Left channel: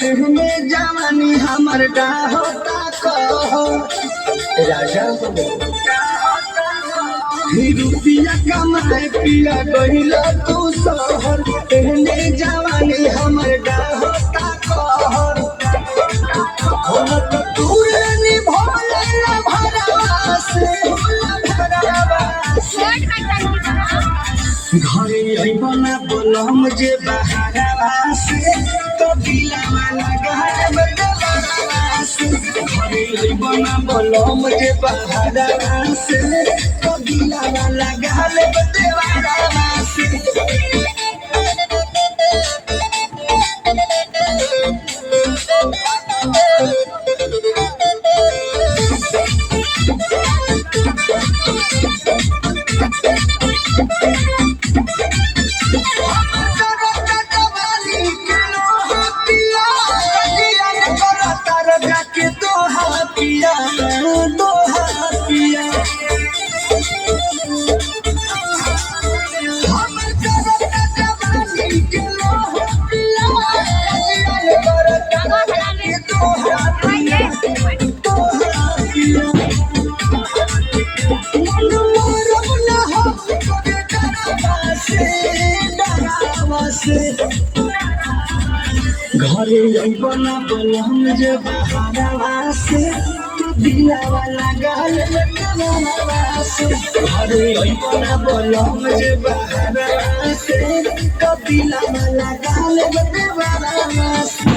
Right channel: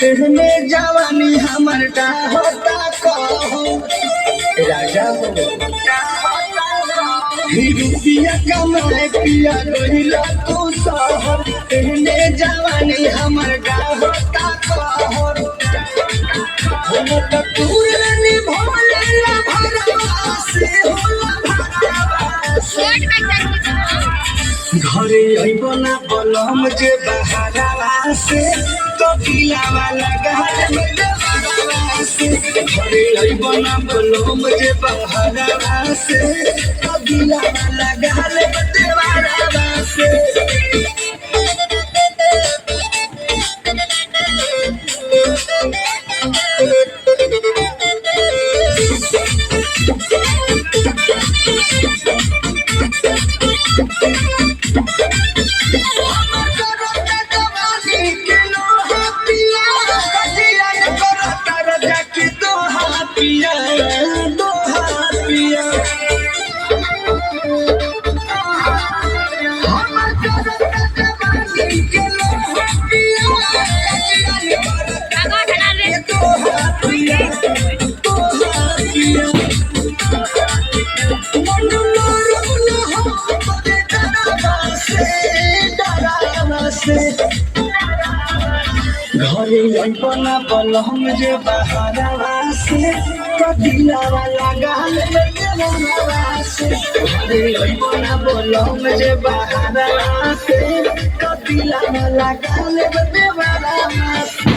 तेहने जवानी हमर का होता कहो राजा ही रुपया कमाए पिया गहिला तू शहर तेहने जवानी हमर का होता कहो हम तो तूरे निभोले भरवा से होला भरवा घरे अइबना बलम जे बहारवा से तो दिलावा लगाए में देवरवा से घरे अइबना बलम जे बहारवा से तो दिलावा लगाए में देवरवा से पिया दोहा पिया हमर करत जवानी के लोह पिया दोहा पिया दोहा पिया मन मारब न हो तोरे डरावा से घरे अइबना बलम जे बहारवा से कदिलावा लगाल देवरवा से घरे अइबना बलम जे बहारवा से कदिलावा लगाल देवरवा से